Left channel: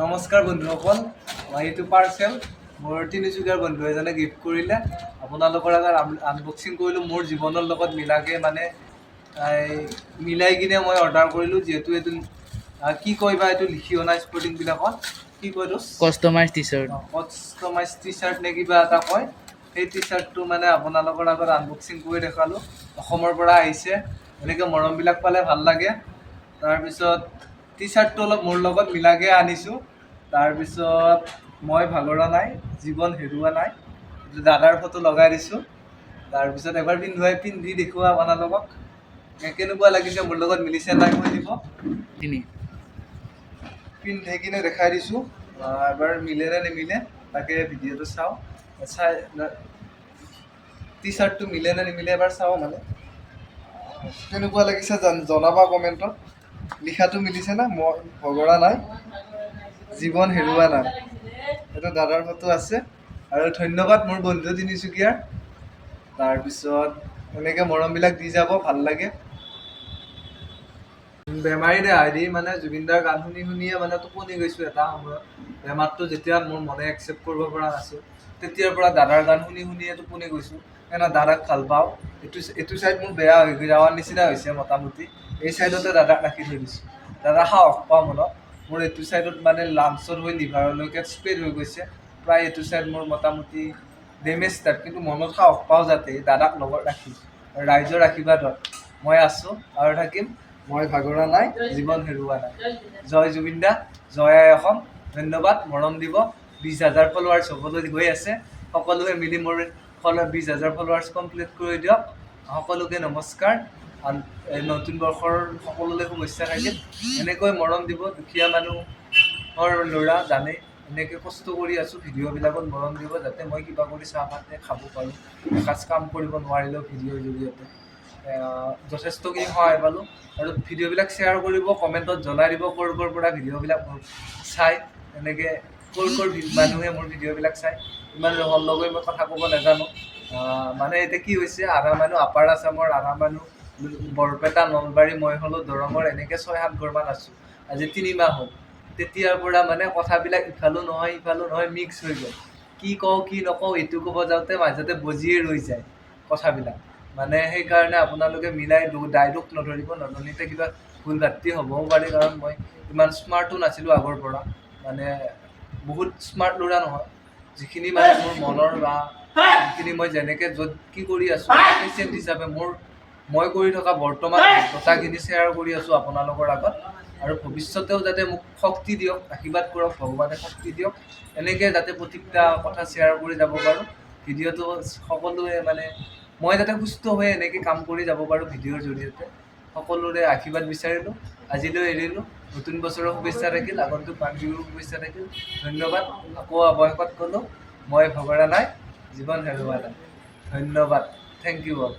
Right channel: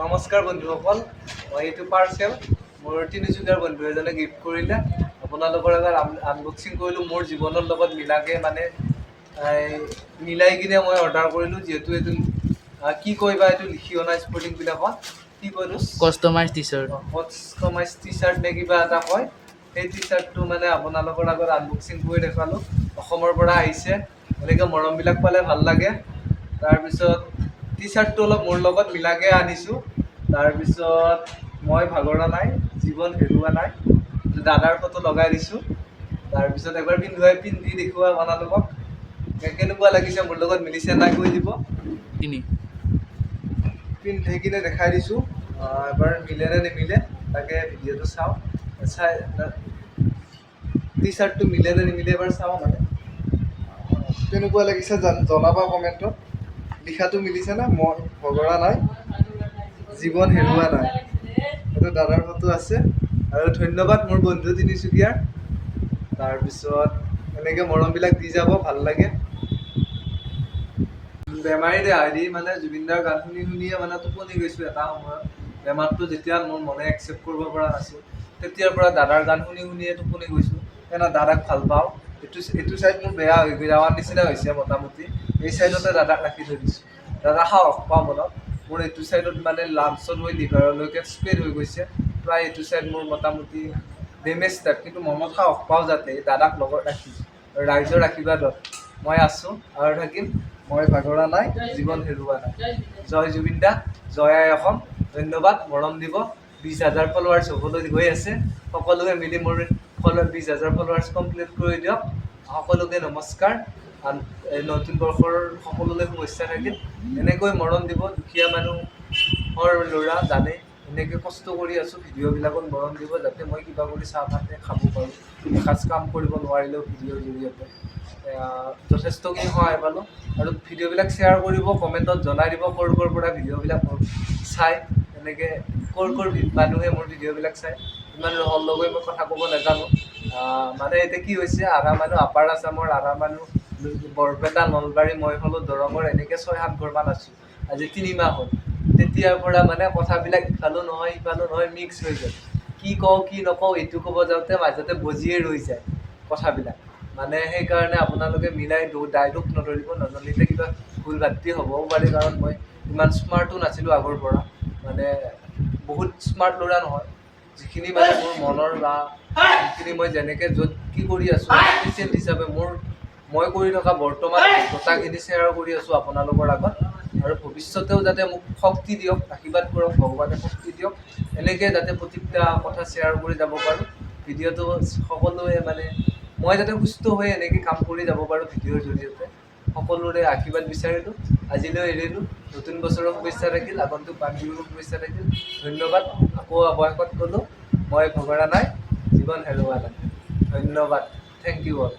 নমস্কাৰ বন্ধুসকল, মই এইটো পাৰ্চেল মোৰ তিনিচুকীয়াৰ বন্ধু এজনে গিফ্ট কৰিলে। আপোনালোকৰ আগত আনবক্সিং কৰিলোঁ। মোৰ জীৱনৰ লগত মিলাকৈ মানে মিলাই কিনে মই অৰ্ডাৰ কৰিলোঁ। যিহেতু এইটো কি কয় বা এইটো লিখি অনা স্পৰ্টিংবিলাকত কি কয় এইটো customise T chart T chart নে কিবা এটা কয়। সেই টি চাৰ্টটো মানে আপোনালোকৰ আগত আনবক্সিং কৰি দেখালোঁ। অসমৰ পৰা আহিছে, এনেকৈ মৰমবিলাক পালে ভাল লাগে। তাৰপিছত টি চাৰ্টটো অলপ মোৰ লগত মিলাকৈ আনিছোঁ। তাৰপিছত মই ভাগৰা নাই, জীৱন হেৰুৱা নাই, দাদাৰ ফটো লগাই দিছোঁ। তাৰপিছত এবাৰ পিন্ধি দেখুওৱা আপোনালোকক কেনেকুৱা লাগিছে, মোৰ লগত মিলিছে নাই কৈ দিব। পিন্ধি কিনে দেখাই দিছোঁ, এবাৰ মিলে নে নিমিলে তাকে ভিডিঅ'টো চাওঁ। টি চাৰ্টটো মিলে নে নিমিলে এবাৰ চাওঁ। মানে কেনেকুৱা লাগিছে জনাবা কমেণ্টত। লিখাটো মিলিছে না, মই ভগৰা নাই, জীৱন হেৰুৱা নাই। এইটো দাদাৰ ফটো আছে। আৰু ধন্যবাদ মোৰ বন্ধু তিনিচুকীয়াৰ। তাৰপিছত এনেকৈ মৰমবিলাক দি যাব, ভাল লাগে। বেমাৰী দেহাই দি মানে জুবিনদাৰ গান শুনি শুনিয়ে মানে টোপনি গৈছোঁ এটা সময়ত। বেমাৰটো যেতিয়া মোৰ মনে একচেপ্ট কৰিব পৰা নাছিল, তেতিয়াৰ পৰা দাদাৰ গান শুনি শুনিয়ে টোপনি গৈছোঁ। সেইকাৰণে দাদাক ভাল পাওঁ। এইটো চাইড মোৰ বেয়া হৈ যাৱাৰ নিচিনা হৈছে মোটামুটি। এই চাইডতে দাদাক ৰাখি থৈ দিছোঁ। দাদা সাহস পাওঁ মনত। মোৰ এইটো চাইডত মানে লাঞ্চত হৈ লিভাৰলৈকে স্প্ৰেড হৈ গৈছে। প্ৰায় এইটো চাইড মোৰ মোটামুটি ডেমেজ টাইপ, কিন্তু মনত সাহস পাওঁ যাতে দাদাক লগত ৰাখি। ৰাইজৰ আশীৰ্বাদত মই আছোঁ আৰু থাকিম। মই ভাগৰা নাই, জীৱন হেৰুৱা নাই। জয় জুবিন দা, জয় আই অসম। ধন্যবাদ, মৰম দিব। 20,000 ফলোৱাৰ্ছ হ'বলৈ গৈ আছে। সকলোৱে মিলি মোৰ 20,000 ফলোৱাৰ্ছ কমপ্লিট কৰি দিয়ক। সকলোকে নমস্কাৰ। নতুন বৰ্ষৰ সকলোলৈ শুভেচ্ছা থাকিল। এনেকৈ মৰম দিব। দুখীয়া মানুহৰ ল'ৰা জানে, এনেকৈ কষ্ট কৰি আছোঁ। ভিডিঅ'বিলাকত মৰম দিব যাতে মই কিবা কৰি চাহ ভাতে খাব পাৰোঁ। এসাঁজ কাম কৰিব নোৱাৰিলেও ভিডিঅ'ৰ জৰিয়তে যথেষ্টখিনি সহায় পালোঁ। আৰু ভিডিঅ'বিলাক শ্বেয়াৰ কৰিব, কমেণ্টত জনাই দিব ক'ৰ পৰা ভিডিঅ'বিলাক মোৰ চাই। এনেকৈ ক'ৰ মানুহে মোৰ ভিডিঅ'বিলাক চাই। ইমান সৰলকৈ মই কথা ক'ব নাজানো। মানে এতিয়া কি হৈছে, আধা মানুহ আপাৰ আছামৰ, আধা মানুহ বৰপেটা, নলবাৰী, মই হ'লোঁ দৰঙৰ। এনেকৈ 6-7 ঘৰমান আছোঁ। আজি 3 মাহ হ'ল। তেতিয়াৰ পৰা মানে কথাবিলাক ইফালো নহয় সিফালো নহয়, মিক্স হৈ গ'ল। কি কওঁ কি নকওঁ এইটো ক'ব যাওঁতে মাজতে বজিয়ে ৰৈ যায় কথাবিলাক। মানে সেইকাৰণে আপোনালোকে মিলাই দায় দোষ নধৰিব। নধৰিলে কিবা ভুল ভ্ৰান্তি হ'বও পাৰে, কাৰণ মই ইমান স্মাৰ্টো নাছিলোঁ আগৰ পৰা। মানে বহুত স্মাৰ্ট ল'ৰা নহয়। যিখিনি মানে মোৰ মনৰ বা যিখিনি মই যেনেকৈ য'ত কি কৰি আছোঁ, পেচেণ্ট হিচাপে মই কৰি থকা বৰ্তমান কথাখিনি শ্বেয়াৰ কৰি আছোঁ আপোনালোকৰ আগত। আৰু ভৱিষ্যতেও যাতে মোক শক্তি দিয়ক, আশীৰ্বাদ কৰক, ভগৱানে শক্তি দিয়ক। এনেকৈ যাতে প্ৰত্যেকটা কথা শ্বেয়াৰ কৰি যাব পাৰোঁ। ভিডিঅ'টো সকলোৱে মানে মই যাতে সুস্থ হৈ এনেকৈ কাম কৰি যাব পাৰোঁ ভিডিঅ'ৰ জৰিয়তে। সকলোৰে আশীৰ্বাদ বিচাৰিলোঁ। আজিলৈ এৰিলোঁ। নতুন বছৰৰ শুভেচ্ছা থাকিল, আগন্তুক মাঘ বিহুৰ শুভেচ্ছা থাকিল। ধন্যবাদ। আকৌ অৱশেষত ক'লোঁ, মই ভগৰা নাই, জীৱন হেৰুৱা নাই। ধন্যবাদ। Thank you all.